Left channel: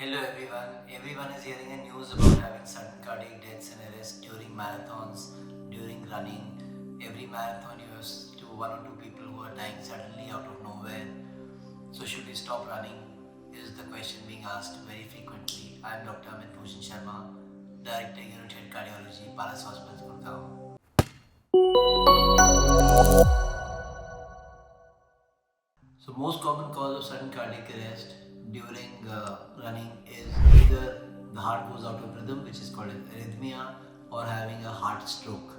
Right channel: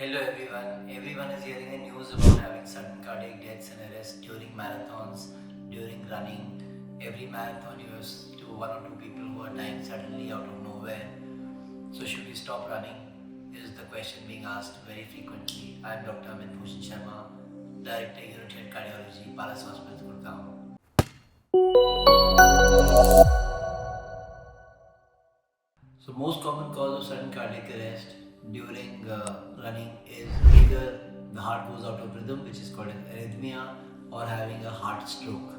Hello everyone. Everyone is hearing the news about having sudden cardiac deaths and arrests during marathons, during running. Every marathon you have one or two people who are dying suddenly out of nowhere. So should we stop running? Is the question being asked very frequently. I am Dr. Amit Bhushan Sharma, Director Unit Head of Cardiology, Palace Hospital, Gurgaon. So most common cause of sudden cardiac arrest during running is either the heart goes out of rhythm, which is called an arrhythmia, or having a heart stroke.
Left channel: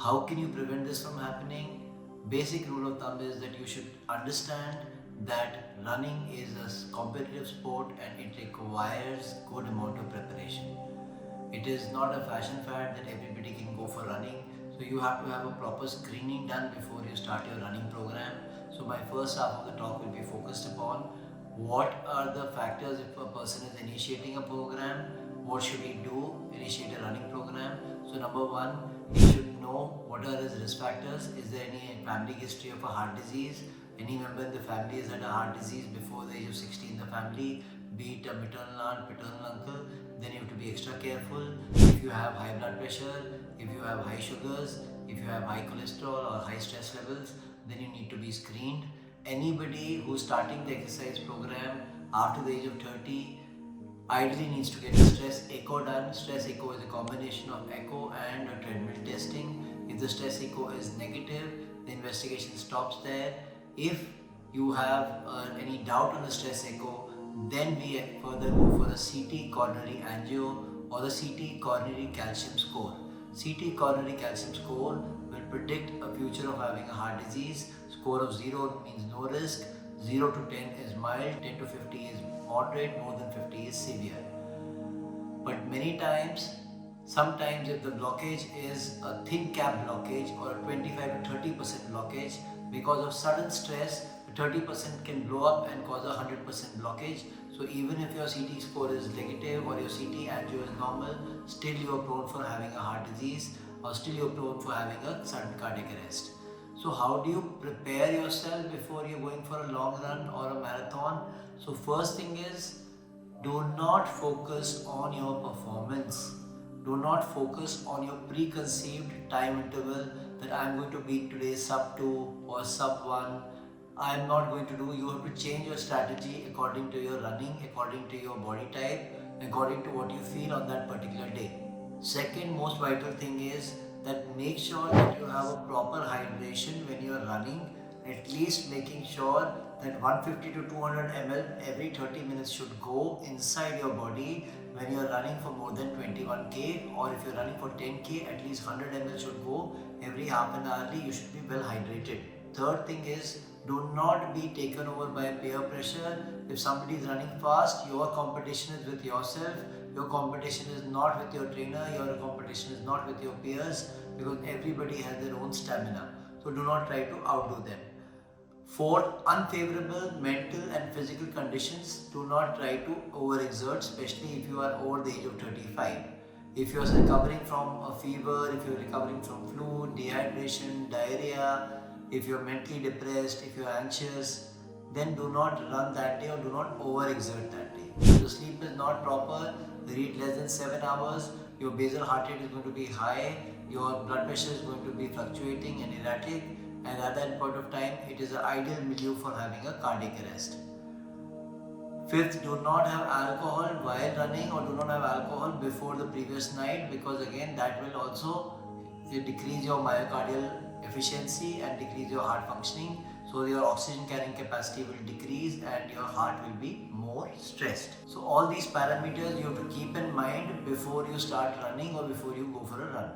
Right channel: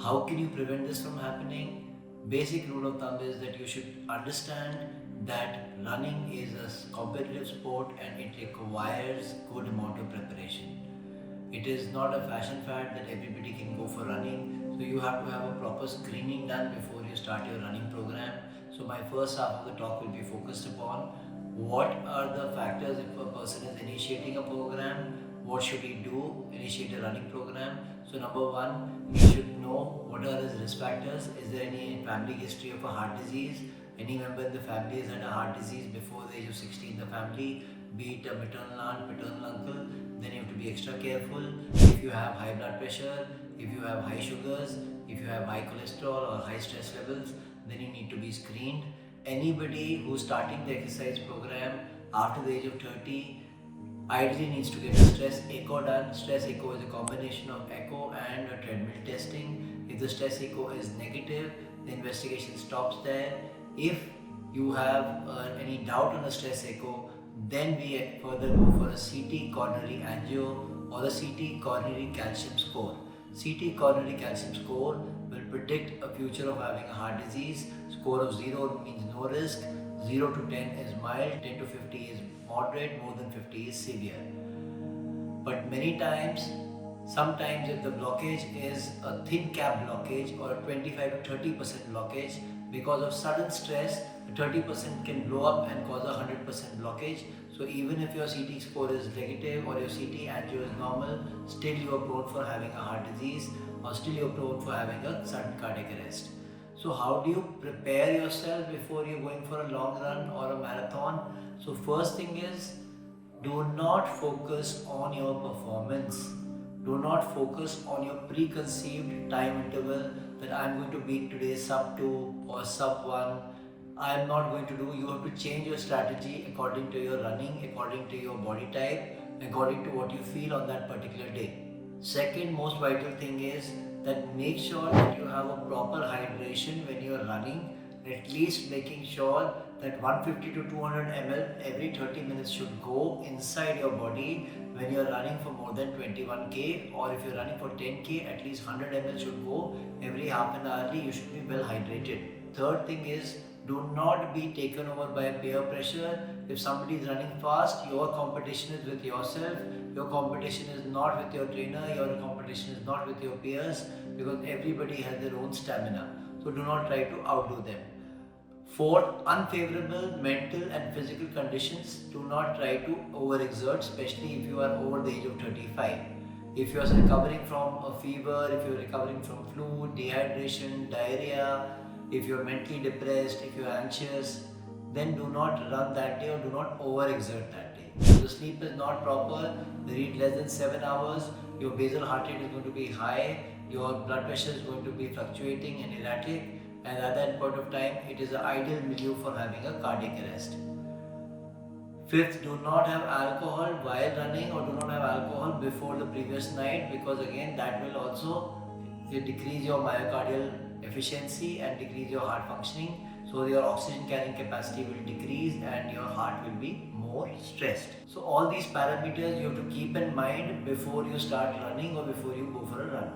How can you prevent this from happening? Basic rule of thumb is that you should understand that running is a competitive sport and it requires good amount of preparation. It is not a fashion fad that everybody can go for running. So you have to have a proper screening done before you start your running program. So my first half of the talk will be focused upon what are the factors if a person is initiating a program, what should he do, initiate a running program. So number one, he should know what are his risk factors. Is there any family history of a heart disease? Any member in the family has had a heart disease before the age of 60 in the family, be it a maternal aunt, paternal uncle, then you have to be extra careful. If you have high blood pressure, if you have high sugars, if you have high cholesterol or high stress levels, then you need to be screened. Anybody who's starting the exercise program after the age of 30 ideally needs to get a stress echo done. Stress echo is a combination of echo and a treadmill testing. If the stress echo is negative, the investigation stops there. If you have any doubt on the stress echo, then we further go for a CT coronary angio or the CT coronary calcium score. CT coronary calcium score will predict a future of having a heart disease. Score of 0 means no risk, 0 to 10 is mild, 10 to 50 is moderate, more than 50 is severe. But many times, sometimes if the blockage is a thin cap blockage or a 25 to 30% blockage, because of sudden stress, the 30% can blow up and cause a 100% blockage. So even if your CT score is negative or your CT angio is normal, still you are prone for having a heart disease or still you are prone for having a sudden cardiac arrest. So how do you prepare yourself before you're going for a long run or a marathon? So first thing is, do not focus on your performance. Do not focus on your preconceived time interval that I'm going to beat today sub 2 or sub 1. I'm not going to do. You have to change your strategy according to your running, according to your body type, according to what you feel on that particular day. Second most vital thing is that make sure that you have a proper hydration when you are running, at least making sure that 150 to 200 ml every 30 minutes should go inside your body when you are running for more than 21k, or if you are running for 10k, at least 100 ml should go every half an hourly. You should be well hydrated. Third thing is, do not be taken over by peer pressure. If somebody is running fast, your competition is with yourself. Your competition is not with your trainer. Your competition is not with your peers, because everybody has their own stamina. So do not try to outdo them. Fourth, unfavorable mental and physical conditions. Do not try to overexert, especially if you are over the age of 35. If you are recovering from a fever, if you are recovering from flu, dehydration, diarrhea, if you are mentally depressed, if you are anxious, then do not run that day or do not overexert that day. If the sleep is not proper, read less than 7 hours, your basal heart rate is going to be high, your blood pressure is going to be fluctuating and erratic, and at that point of time, it is an ideal milieu for having a cardiac arrest. Fifth, do not have alcohol while running or do not have alcohol before the previous night, because again that will also decrease your myocardial efficiency and decrease your heart functioning. So your oxygen carrying capacity will decrease and your heart will be more stressed. So all these parameters you have to keep in mind before you start running or before you go for a run.